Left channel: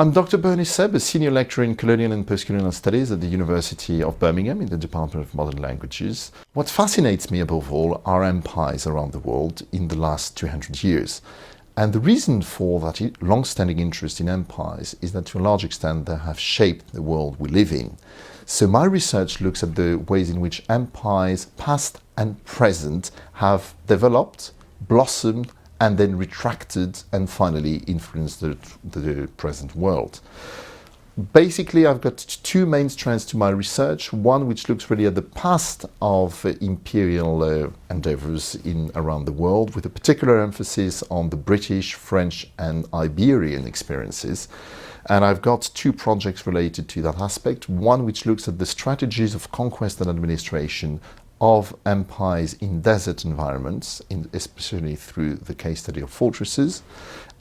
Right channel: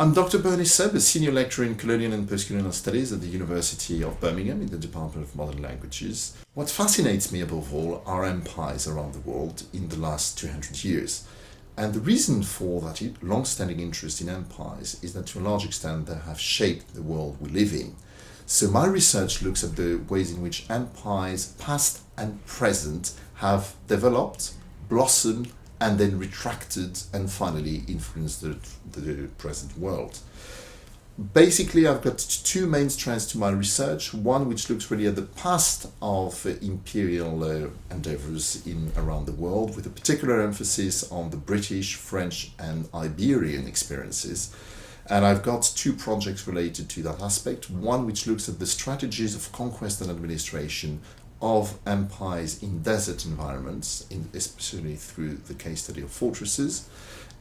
I'm Dr. Berny Sèbe, a senior lecturer in Colonial and Postcolonial Studies at the University of Birmingham in the Department of Modern Languages. What fascinates me above all are empires around the world in the last 200 years. And the reason for that long-standing interest in empires is that to a large extent they have shaped the world we live in. So my research looks at the ways in which empires, past and present, have developed, blossomed, and then retracted and finally influenced the present world. Basically, I've got two main strands to my research. One which looks really at the past of imperial endeavors around the world, with a particular emphasis on the British, French, and Iberian experiences. And I've got two projects related to that aspect. One which looks at the strategies of conquest and administration of empires in desert environments, especially through the case study of fortresses.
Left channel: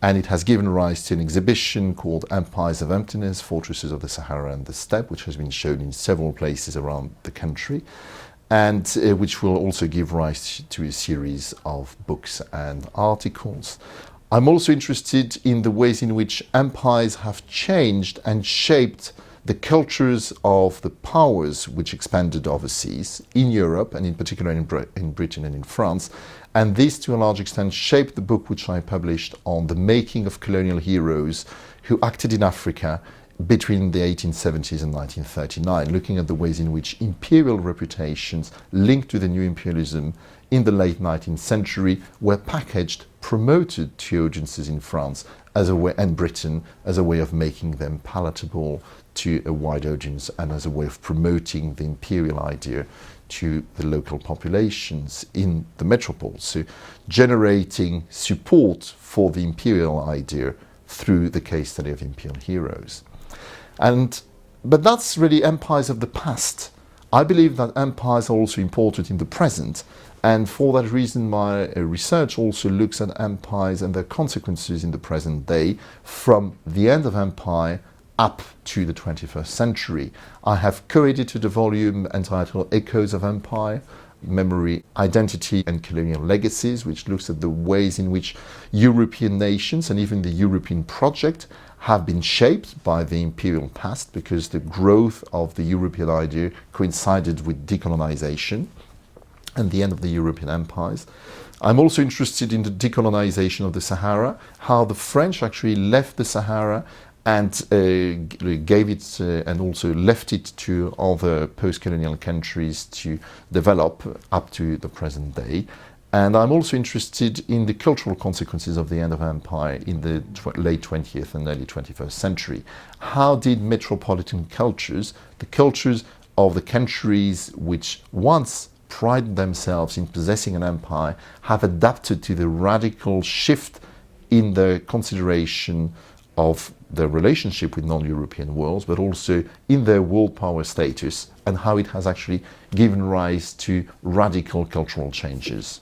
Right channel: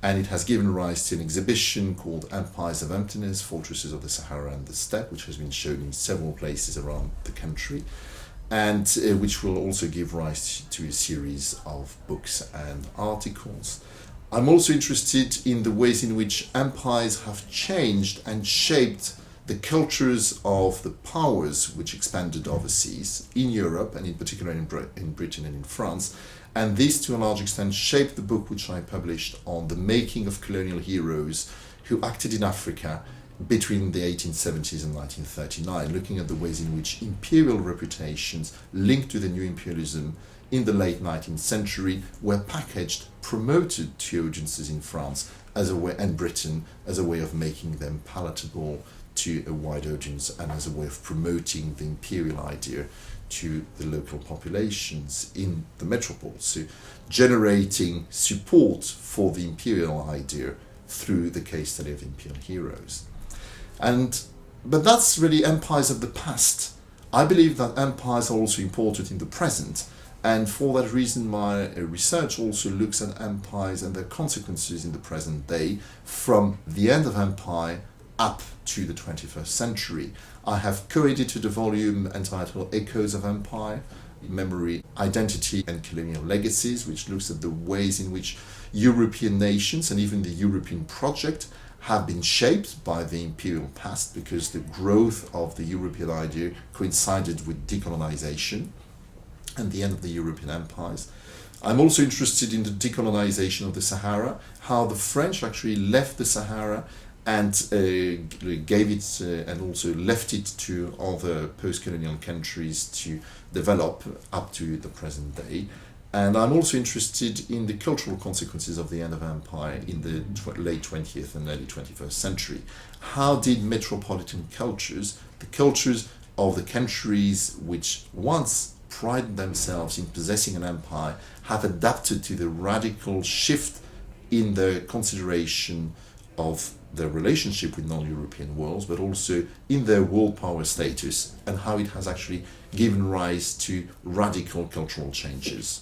And it has given rise to an exhibition called Empires of Emptiness, Fortresses of the Sahara and the Steppe, which has been shown in several places around the country, and which will also give rise to a series of books and articles. I'm also interested in the ways in which empires have changed and shaped the cultures of the powers which expanded overseas in Europe, and in particular in Britain and in France. And this, to a large extent, shaped the book which I published on the making of colonial heroes who acted in Africa between the 1870s and 1939, looking at the ways in which imperial reputations linked to the new imperialism in the late 19th century were packaged, promoted to audiences in France as a way, and Britain, as a way of making them palatable to a wide audience and as a way of promoting the imperial idea to the local populations in the metropoles, so generating support for the imperial idea through the case study of imperial heroes. But that's really empires of the past. I believe that empires are also important in the present, and for that reason my research also looks at empires and their consequences in the present day from the end of empire up to the 21st century. I have co-edited a volume entitled Echoes of Empire, Memory, Identity and Colonial Legacies, which looks at the ways in which European nations and even the European project have been shaped by the imperial past, because the growth of the European idea coincided with decolonization and the end of the European empires. I'm also interested in the decolonization of the Sahara, how the French actually left the Sahara and gave it and also left it to other post-colonial countries to develop up to the present day. And I'm also interested in the cultural consequences of the end of empire in the late 20th and early 21st century. How did metropolitan cultures, the cultures of the countries which once prided themselves in possessing an empire, have adapted to the radical shift in the consideration of their relationship with non-European worlds, but also in their world power status, and how it has actually given rise to radical cultural changes.